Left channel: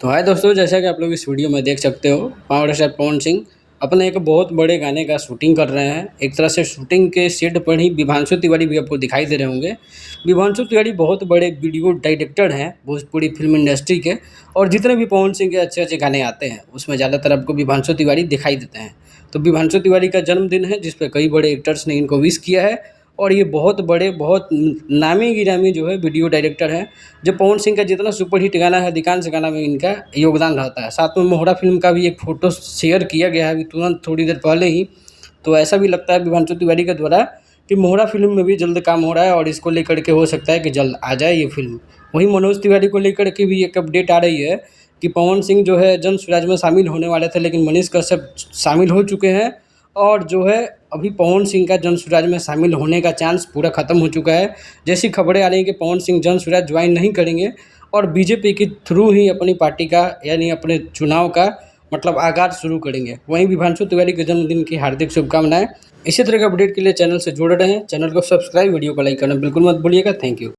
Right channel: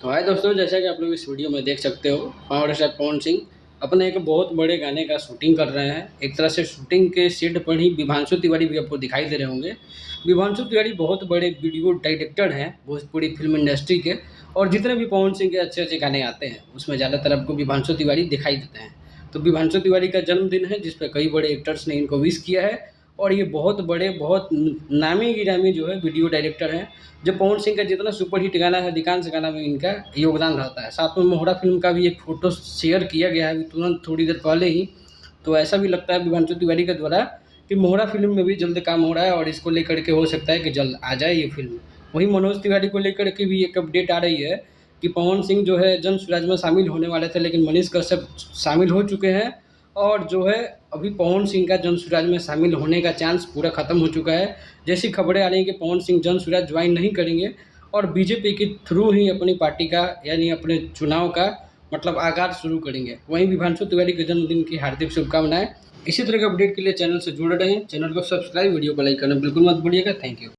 तो हाय दोस्तों, जैसा कि आप लोग इस वीडियो में देख सकते हो, पावर स्टार पवन सिंह अपने एक बहुत बड़े गाने का शूटिंग कर रहे हैं। एक तरह से शूटिंग के सेट पर ही विभांशु तिवारी भी आपको दिखाई दे रहे होंगे। विभांशु तिवारी बहुत बड़े वीडियो डायरेक्टर हैं भोजपुरी फिल्म इंडस्ट्री के, और जितने भी पवन सिंह के अच्छे अच्छे गाने आते हैं उसमें ज़्यादातर आपको विभांशु तिवारी दिखाई देते हैं। तो विभांशु तिवारी का जन्मदिन है, जिस पर कई बड़े एक्टर्स ने इनको विश किया है। और ये बहुत बड़े, बहुत नामी गिरामी जो है वीडियो डायरेक्टर हैं। जो पवन सिंह का जितना सुपरहिट गाना है, अधिकांश गाना में इनका योगदान रहता है। साथ में मोहरा फिल्म का भी एक फ़ोटो शेयर किया गया है अभी तुरंत थोड़ी देर पहले ही। तो ऐसा भी लगता है विभांशु तिवारी के द्वारा कि मोहरा फिल्म में भी जल्द काम हो रहा है, और इसको लेकर के हो सकता है कि जल्द आ जाए ये फिल्म। वहीं मनोज तिवारी को लेकर के भी एक अपडेट आ रही है कि पवन सिंह जो है जन स्वराज में शामिल होने वाले थे, लेकिन मनीष कश्यप शामिल हो चुके हैं। और जो है अभी पवन सिंह का जन स्वराज में शामिल होने का चांस पूरा ख़त्म हो चुका है। जैसी खबरें आ रही हैं कि पवन सिंह जन स्वराज ज्वाइन नहीं करेंगे और बीजेपी के थ्रू ही अपनी पार्टी का, यानी अपने चुनाव का मतलब आगाज़ शुरू करेंगे। वहीं विभांशु तिवारी के जन्मदिन की हार्दिक शुभकामनाएं। इसी तरह के अपडेट के लिए चैनल से जुड़े रहें। चैनल को सब्सक्राइब, वीडियो को लाइक करना बिल्कुल मत भूलिएगा। Thank you.